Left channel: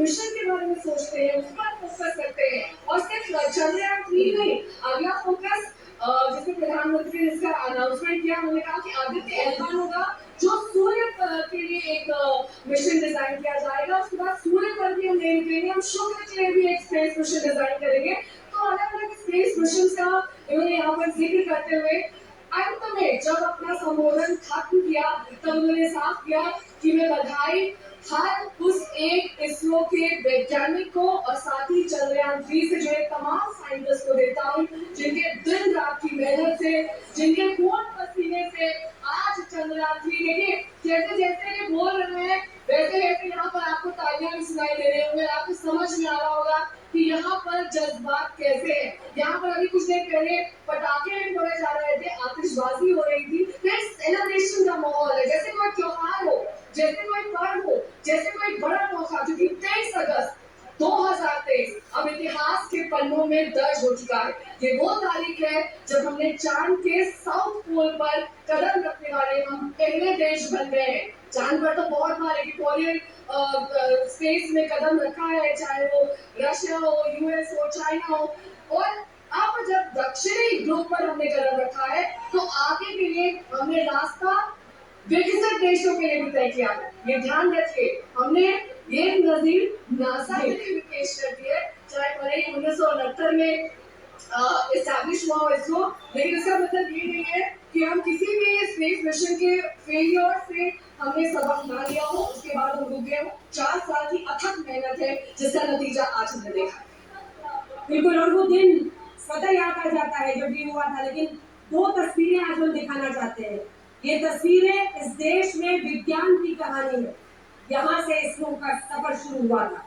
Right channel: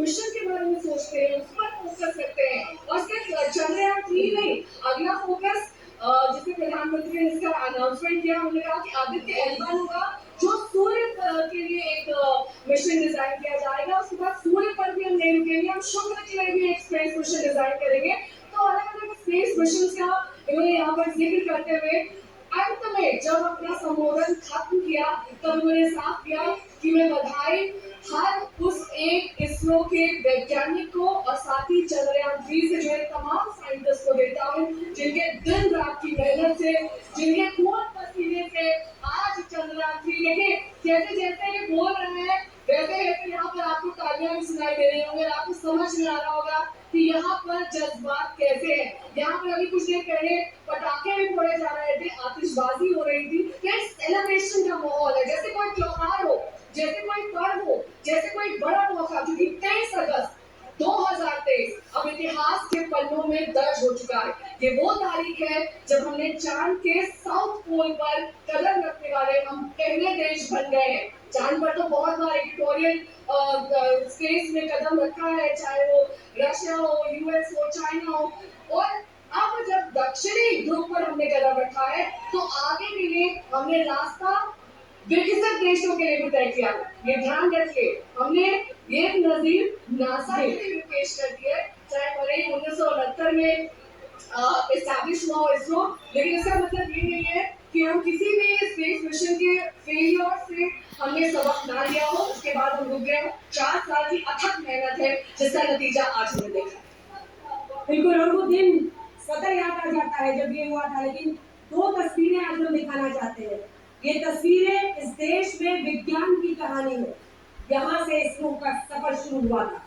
Mission के बारे में सोचते हैं, उस पर फोकस करते हैं और सिर्फ चंद्रयान-3 नहीं, अगला फोकस जैसे प्रधानमंत्री ने इसका अनाउंसमेंट किया, उन्होंने कहा कि आदित्य L1 होगा, जो सूर्य के लिए एक मिशन डिजाइन किया जाएगा। उसके बाद सूर्य पर भी हम नहीं रुकेंगे, हम शुक्र के लिए भी एक स्पेस मिशन डिजाइन करेंगे। तो अलग-अलग स्पेस मिशन का इन्होंने यहाँ पर जिक्र करते हुए अंत में जब अपना संबोधन खत्म किया, तब उन्होंने साफ किया कि मैं बधाई हर उस एक इसरो के वैज्ञानिक को और साथ ही चंद्रयान-3 से जुड़े तमाम साइंटिस्ट को देता हूँ, जिनके दिन रात की मेहनत से, जिनके खून पसीने से आज चंद्रयान-3 देखिए जैसे-जैसे ये बोल रहे हैं, वैसे-वैसे यहाँ पर आपको तालियां भी सुनाई दे रही होंगी, आपको समझ में आ रहा होगा कि यहाँ पर जज्बात कैसे हैं। यहाँ पर अभी कुछ देर पहले पटाखे भी फोड़े जा रहे थे, आतिशबाजी हो रही थी, तो एक सेलिब्रेशन का माहौल है, जैसे कोई त्योहार हो, जैसे कोई पर्व हो, जैसे कोई बड़ा मौका, क्योंकि 23 अगस्त 2023 अब इतिहास के पन्नों में दर्ज हो चुका है। ये वो तारीख है जब हमने चांद के साउथ पोल पर कदम रखने वाले हम पहले देश बन गए हैं। चांद पर तो बहुत बार इक्वेटोरियल स्पेस में कदम रखा है, चाहे वो रशिया हो, यूएस हो, चाइना हो, और अब जब दक्षिणी ध्रुव पर हमने कदम रखा है, तो आगे के लिए हमने रास्ता विकसित देशों के लिए भी तय किया। ये ध्यान रखिए, हमने ये नजीर नासा के लिए भी पेश कर दिया है, चाहे भले 1969 में एस्टैब्लिश हुआ हो इसरो, लेकिन इसका मतलब ये नहीं है कि हम किसी भी स्पेस मिशन के फेलियर से हमने सबक ना लिया हो, उसके बाद हम रुक गए हो। 4 साल की अथक मेहनत है, जिसका नतीजा आज हमने देखा। बिल्कुल, और वो दिन सदा याद आ जाता है जब ये हुआ था, लेकिन 2 तस्वीरें आज हम दिखाना चाहते हैं। ये तस्वीरें इस देश में विज्ञान की कहानी है। यहाँ से इसरो का सफर शुरू हुआ था।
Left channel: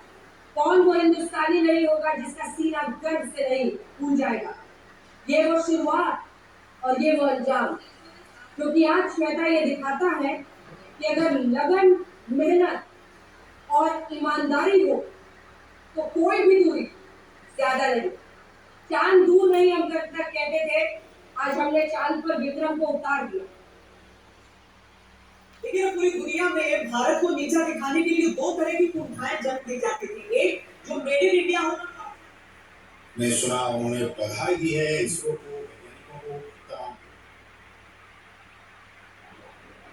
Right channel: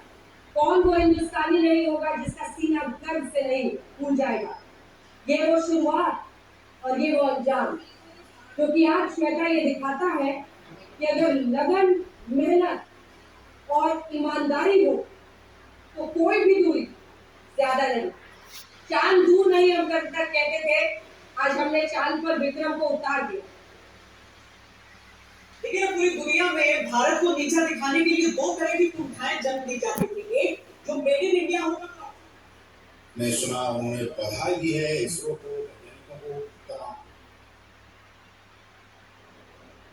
कौन वो हिंदुस्तानी नहीं होगा जिसका सीना गर्व से नहीं फूल जाएगा। ये वो शुरुआत और ये वो अंजाम, क्योंकि आज श्वेता ये दिखाता है कि अगर लगन, मेहनत और ईमानदारी हो तो कोई भी दूरी ज्यादा नहीं। चांद दूर नहीं, हम कल तक कहते थे, आज हमने चांद पर विक्रम को उतार दिया। लेकिन पूरी दुनिया में भारत को नीचा दिखाने के लिए 2 तरह की कुंठाएं जन्म दी जाती थी। एक जो मेड इन इंडिया होना था। मैं सुना उन्होंने बधाई दी है इसरो को, वैज्ञानिकों को, तमाम।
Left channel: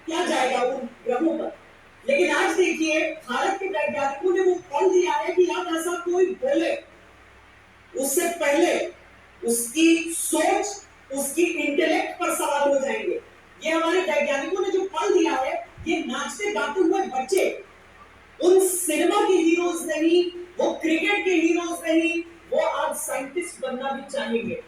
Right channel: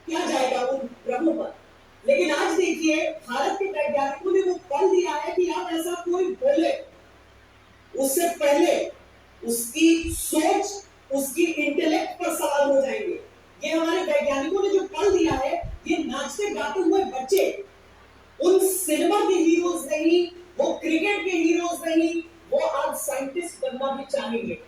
क्या जाएगा उन ग्रहों पर। लेकिन आज देखिए भारत के वैज्ञानिकों ने वो पढ़ लिया है कि आप ऐसा कोई बोले, उससे पहले उसकी सोच, उसकी इंटेलेक्ट पर सवाल हो जाएंगे। ये हमारे वैज्ञानिकों ने जो पढ़ लिया है, ये नाचते गाते हुए बच्चे उन सिनेमा के हीरोज नहीं, वो क्रिकेट के हीरोज नहीं, वो आज साइंटिस्ट बनना भी चाहेंगे।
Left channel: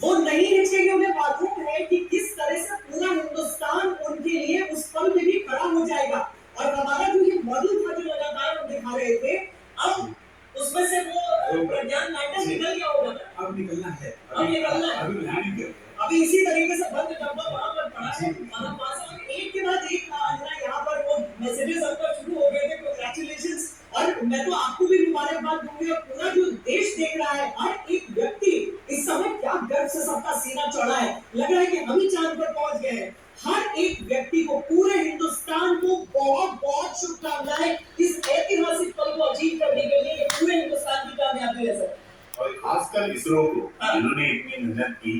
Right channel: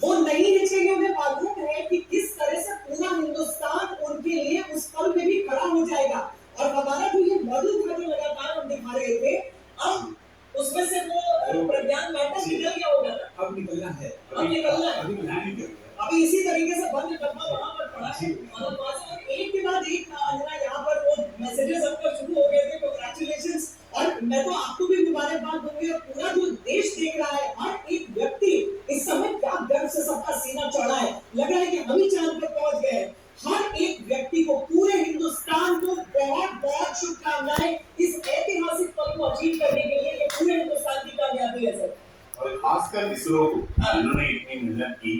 वो नहीं हिचकेंगे, उन्हें मालूम है कि किस तरह से पूरा हिंदुस्तान उनके लिए उस पल में भी खड़ा हो जाएगा। और हमारा जो ये मॉडल था जो लगातार हम दिखा रहे थे, अब उसमें से वो प्रज्ञान लाइटर निकल गया होगा। अब निकलना है, अब निकलना है, अभी लैंडिंग कर अभी इसी तरीके से बंद डब्बा वहां पर पड़ा है। मतलब एक के बाद एक अंजना यहाँ पर वो मैसेजेस आपका शुरू हो गए थे, कांग्रेचुलेशंस। और मैं तो आपको भी मुबारकबाद दूंगी, और पूरा जो देश देख रहा है, हर एक व्यक्ति इस समय क्या गर्व से सबका सीना चौड़ा है। लग रहा है कि हम ही चांद पर पहुंच गए हैं। हर एक व्यक्ति को, पूरे हिंदुस्तान को बहुत बहुत शुभकामनाएं इस ऐतिहासिक पल को अचीव करने के लिए। ये पूरे हिंदुस्तान की कामयाबी है सर, और खासकर इसरो को, इन्होंने इतनी मेहनत की।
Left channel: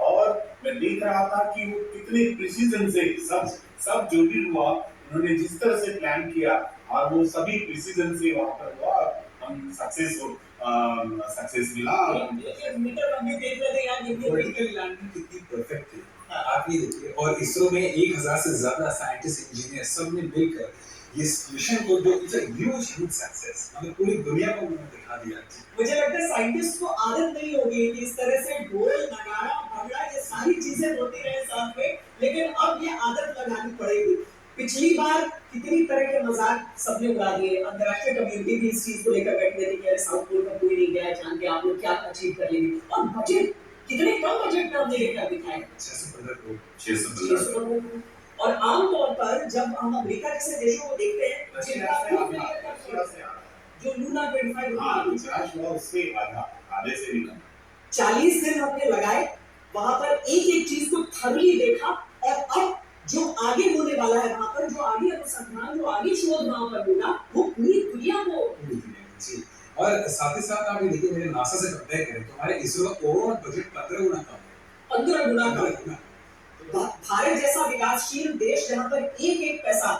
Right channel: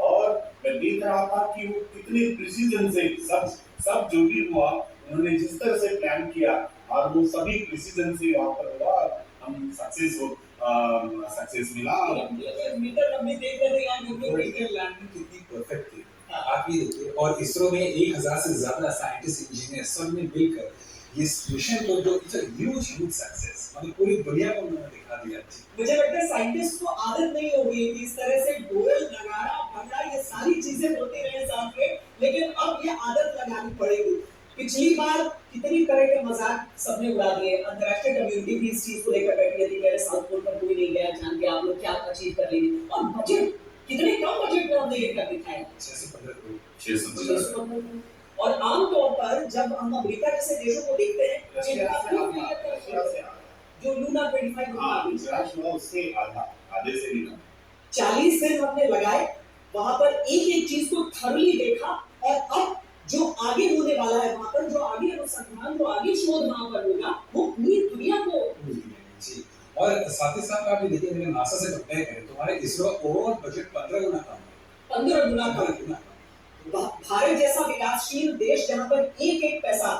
और मैं देख रहा था कि वो कितने प्रिसीजन से सब जो भी हुआ, उन्होंने जिस तरह से प्लान किया, और वो सभी प्रिसीजन से वहां पर हुआ, हम सक्सेस मिला। मीटर हम भी देख रहे थे यार, वर्टिकल लैंडिंग कितनी परफेक्ट थी। आप ये देखिए, और इसरो में 1000 से ज्यादा साइंटिस्ट, इंजीनियर सब ने मिलकर ये मिशन को, जो इट्स अ ह्यूज सक्सेस, हमें पूरी दुनिया को उन्होंने दिखा दिया। मुझे लगता है साइंटिस्ट को आदत नहीं होगी कि इस तरह से ढोल, नगाड़ा, भगड़ा, ये सारी चीजें होती रहे साथ में, लेकिन अब ये आदत लगानी पड़ेगी। पिछली बार कितनी तरह के मजाक सबने उड़ा दिए, अंतर्राष्ट्रीय कम्युनिटी भी इस चीज को लेकर बैठी थी, कह रहे साउथ पोल पर कोई नहीं गया, जान के आप लोग क्या अचीव कर लेंगे। और बजट कितने कम बजट में हमने लेकर दिखाया, 615 करोड़। और आमतौर पर जब हम अमेरिका जैसे देशों को देखते हैं, जो लूना 25 उससे आधे से भी कम, 40 दिन हमने लगाए, वहां पर एक एक चीज को थर्ली देखा। और अब जो आगे होने वाला है, वहां पर जो आगे अनुसंधान, जो आगे शोध वहां पर होगा, वो पूरी दुनिया को और साथ ही साथ आप ये देखिए, मेरे नासा से कंपेयर करें तो हमारे इसरो का ओवरऑल बजट 15 गुना कम है। 15 गुना 15 कम। गुना। भारत जैसा विकासशील देश जहां पर एक एक पैसा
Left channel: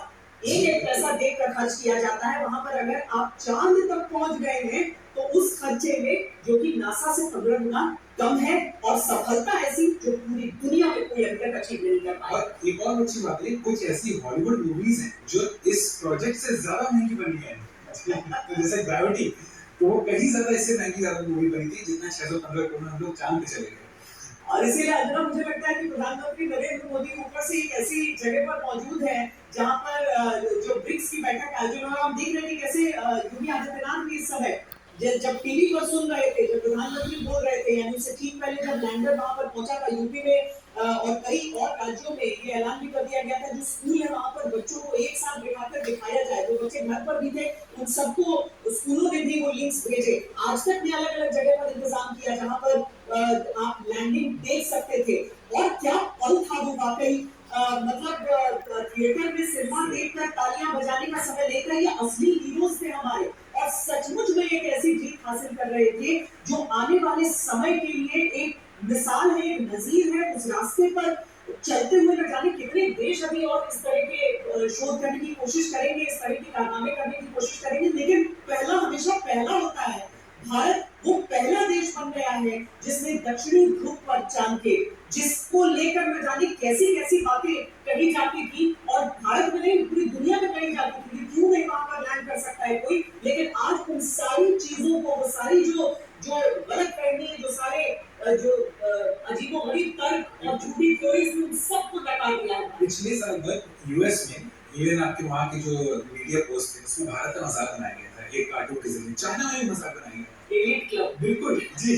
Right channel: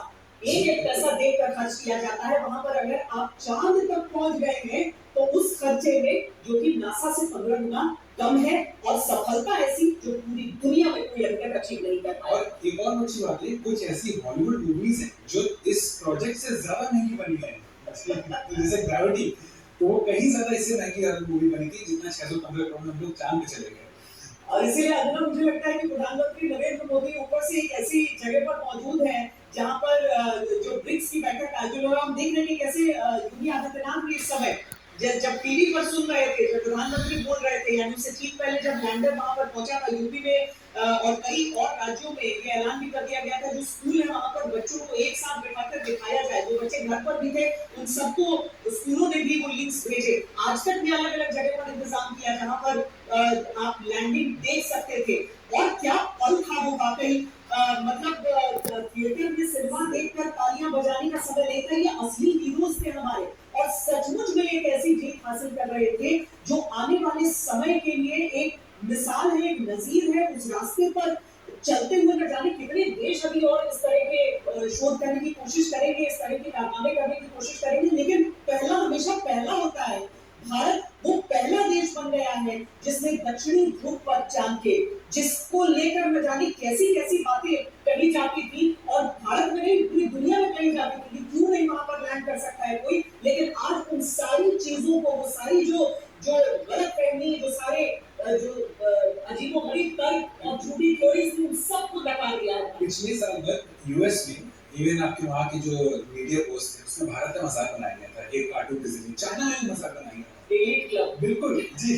देकर खर्च किया जाता है, वहां पर अगर आप चांद तक पहुंच गए हैं तो उस खर्चे में, जो कि नासा से 15 गुना कम है, और सफलता ऐसी जो पूरी दुनिया में कोई अभी तक अचीव नहीं कर पाया। और एक और अच्छी बात है, कुछ ऐसी हॉलीवुड मूवीज हैं जो इस प्रोजेक्ट से ज्यादा महंगी बनी है। तो जैसे ग्रेविटी, तो वो कहीं ज्यादा इससे महंगी मूवी बनी थी, जितना 615 करोड़ में हम लोग चांद पे चले गए। और इसीलिए अंजना, मुझे लगता है कि प्रधानमंत्री नरेंद्र मोदी ऊपर से एक ऐसी जगह पर मौजूद है जहां पर जो ब्रिक्स की बैठक आयोजित हो रहा है, हम देख रहे हैं कि कैसे योगी आदित्यनाथ भी इस समय जब टीवी पर सुन रहे थे, जब प्रधानमंत्री बोल रहे थे, यानी उससे ठीक पहले जब लैंडर वहां पर पहुंचा था यूपी में और कई और राज्यों में ये ऐलान भी कर दिया गया था, जो स्कूल है वहां पर बच्चों को एक साथ बिठाकर दिखाया जाए। जो बच्चे घर पर भी थे उन सबको स्कूलों ने भी वो लिंक्स भेजे। आज तक में अलग अलग जगह पर इंतजाम किया जहां पर आप लैंडिंग देख सकते थे। और क्या पल था वो वाकई, मतलब थिएटर में सिनेमा देखकर तालियां बजाने का समय लेकर ये असली हीरोज थे हमारे, और सचमुच में एक ऐसी जीत हासिल कर रहे थे जो आने वाले समय के लिए एक मिसाल है, एक नजीर है। उस रास्ते पर चलते हुए न जाने कितने देश अभी और इस तरह के शोध करने की कोशिश करेंगे, इस तरह के कारनामे करने की कोशिश करेंगे, लेकिन पहला हमेशा पहला होता है। भारत वो पहला देश बन गया है जिसने दक्षिणी ध्रुव पर चांद के, जिसको लेकर न जाने कैसी कैसी बातें कही जाती थी, और भारत में नहीं पूरी दुनिया में कही जाती थी कि क्यों नहीं वहां पर लैंड कर सकता है कोई। लेकिन आज उन सारी चीजों को, वो सारी जो गलतफहमी, जो सारे जो अजीबोगरीब तर्क और झूठी थ्योरीज थी, उन सबको नकार दिया है। पिछले साल तक यूएस में इवन आपके वहाँ की जो मीडिया पोस्ट थे उसमें भारत का मजाक बनाया गया था एक कार्टून के जरिए। चाइना में भी मजाक बनाया गया था, एलीट क्लब। बिल्कुल जी।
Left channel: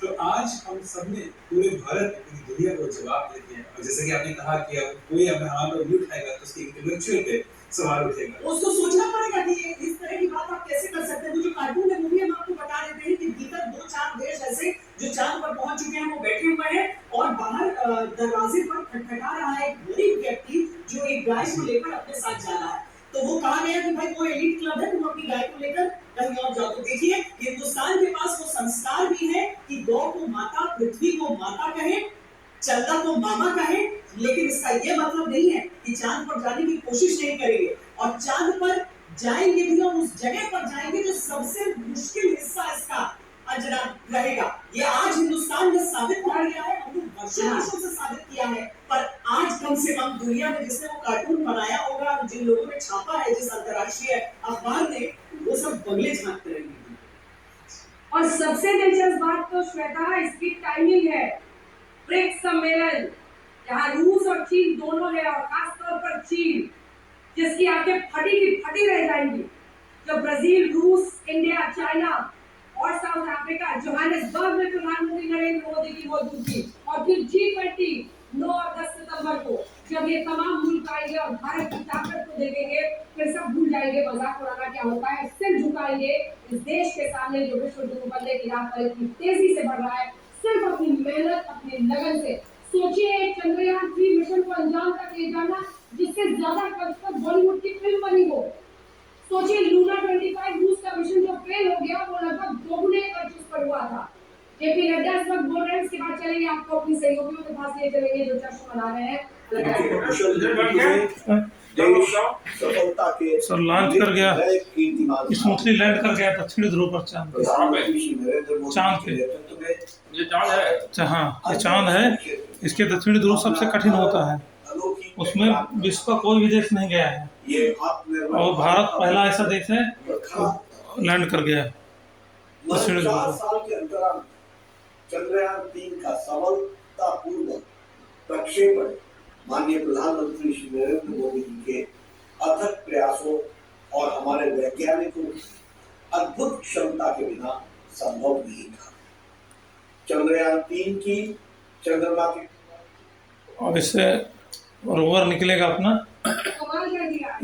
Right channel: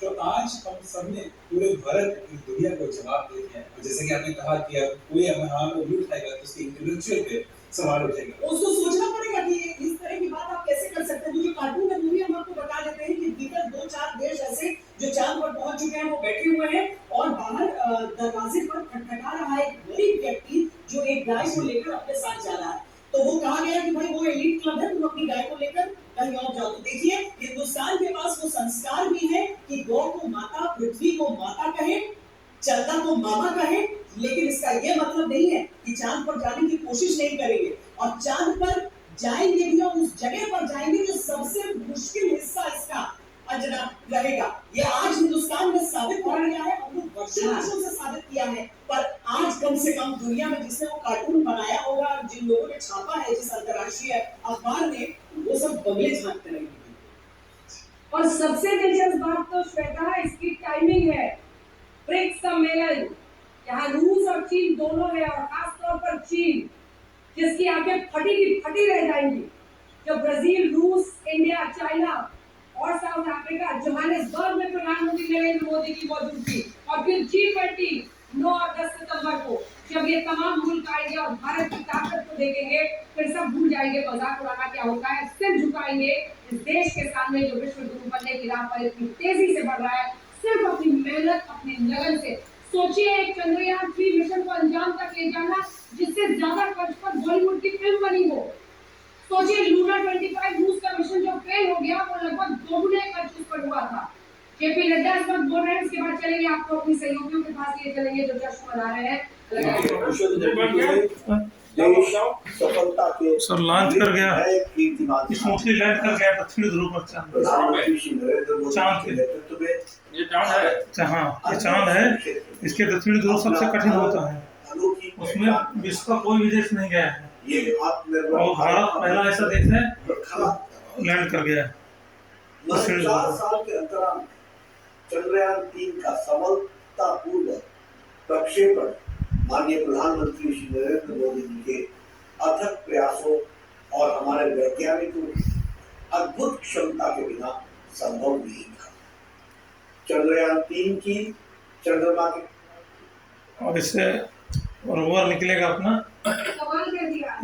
तो आज हम सबने पूरे भारत, पूरी दुनिया को जवाब दे दिया। और जैसे कि आपने कहा कि अब कोई अब वहाँ पर व्यू उठाएगा तो उसकी इंटेलेक्चुअल पे सवाल उठेगा। उसको सोचना पड़ेगा कि इस तरह की बात आप कैसे कर सकते हैं। वो जो कार्टून में मूवी हम आपको बता देते हैं कि भीतर 2-4 देश ऐसे जो चांद पर पहुंच चुके हैं वो बैठे हुए हैं, और बाहर दरवाजे पर खटखटा रहा है एक गरीब व्यक्ति जो एक गाय को लेकर अपने साथ जा रहा है। तो वो कहा गया कि भाई वो एलीट क्लब है, तुम अपनी गाय को लेकर कहीं और जाओ। तो देखिए, हिंदुस्तान के पास वो संस्कार भी है कि गौ को माता, पृथ्वी को माता कहे, चलता को मामा कहे, लेकिन इसका ये मतलब नहीं है कि चांद पर जाने की कोशिश नहीं करेंगे। और चांद पर जाएंगे भी, और उस जगह पर जाएंगे जो सबसे मुश्किल हिस्सा इसका अंजना रहेगा। ये आज हिंदुस्तान में साबित कर गया है, हम लोग वर्षों से साबित किया है, पर आज कम से कम दुनिया में जिसने वो कार्टून बनाया होगा, जिन लोगों ने छापा है, जिस अंतर्राष्ट्रीय अखबार ने, वो सब बगले झांकते रहेंगे। और सबसे दिलचस्प बात तो श्वेता इसकी टाइमिंग है। ब्रिक्स सम्मेलन जहाँ रूस और चीन दोनों है, और खासतौर पर चीन जिसकी आंखें फटी की फटी रह जाएंगी जब ब्राजील, रूस, इंडिया, चाइना और साउथ अफ्रीका जोहानिसबर्ग में प्रधानमंत्री नरेंद्र मोदी की मौजूदगी, और फिर G20 9 और 10 सितंबर को जब ये तमाम मुल्क आएंगे और भारत की ताकत को देखेंगे, फिर सब भूल जाएंगे मजाक उड़ाना क्या होता है, सिर झुकाएंगे इस देश के सामने जो विश्व गुरु बनने की राह पर इतनी तेजी से बढ़ रहा है, सिर्फ अपनी मेहनत, अपनी लगन से। सोचिए एक चंद्रयान 3 मिशन को अंजाम तक ले जाना जिससे ज्यादा खर्च पर बॉलीवुड की फिल्म बनी हो। सोचिए लूना 25 रूस का मिशन जो फेल हो गया, वो लगभग दोगुने खर्च पर हुआ था। जेपी नड्डा इस वक्त बोल रहे हैं, इसके बाद चलेंगे आपको अपनी सहयोगियों के पास ले चलेंगे जो जश्न मना रहे हैं। सफलता के सर लॉन्च कर गया, स्मूथली लैंड कर गया दक्षिणी ध्रुव पर चांद के। ये चांद है, हाँ ये चांद है, इसके दक्षिणी ध्रुव सबसे कठिन होता है, उसमें विश्व का कोई भी देश नहीं गया है, और भारत पहला ऐसा देश है लैंड कर गया है दक्षिणी ध्रुव पर। साल के अंतराल चंद्रयान 3 का सफलतापूर्वक प्रक्षेपण माननीय प्रधानमंत्री श्री नरेंद्र मोदी जी के अथक प्रयासों और हमारे वैज्ञानिकों की अद्भुत क्षमता के बिना संभव नहीं था। चंद्रयान 3 की चंद्रमा के, और इससे रोवर निकलेगा अपना,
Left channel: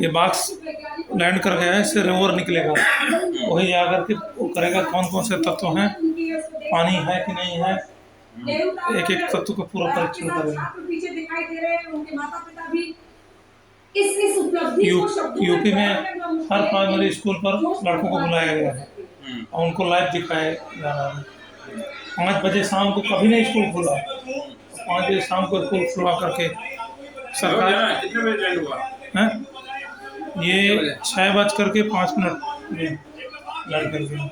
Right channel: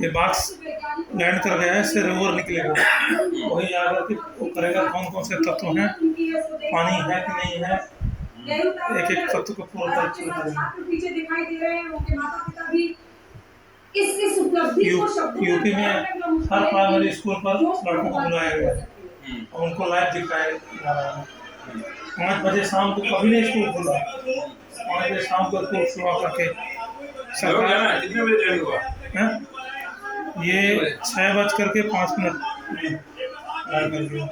ये बॉक्स लैंड कर गया है, इससे रोवर निकलेगा, वही जाकर के वो करेगा कौन कौन से तत्व हैं, पानी है कि नहीं है, एक एक तत्व को पूरा परीक्षण करेगा। पीछे दिखाई दे रहे हैं, उनके माता पिता भी इस उपलब्धि को शब्दों में यूपी में हर प्राइमरी स्कूल पर लड़कों को बुलाया गया है। और उनको लाइव दिखाए जा रहा है। 5 बजे शाम को कभी नहीं स्कूल खुला, 5 बजे शाम को स्कूल खुलवा करके सरकार कितने बजे ज्वाइन हुआ? है ये 6:05 में ज्वाइन कर दिया।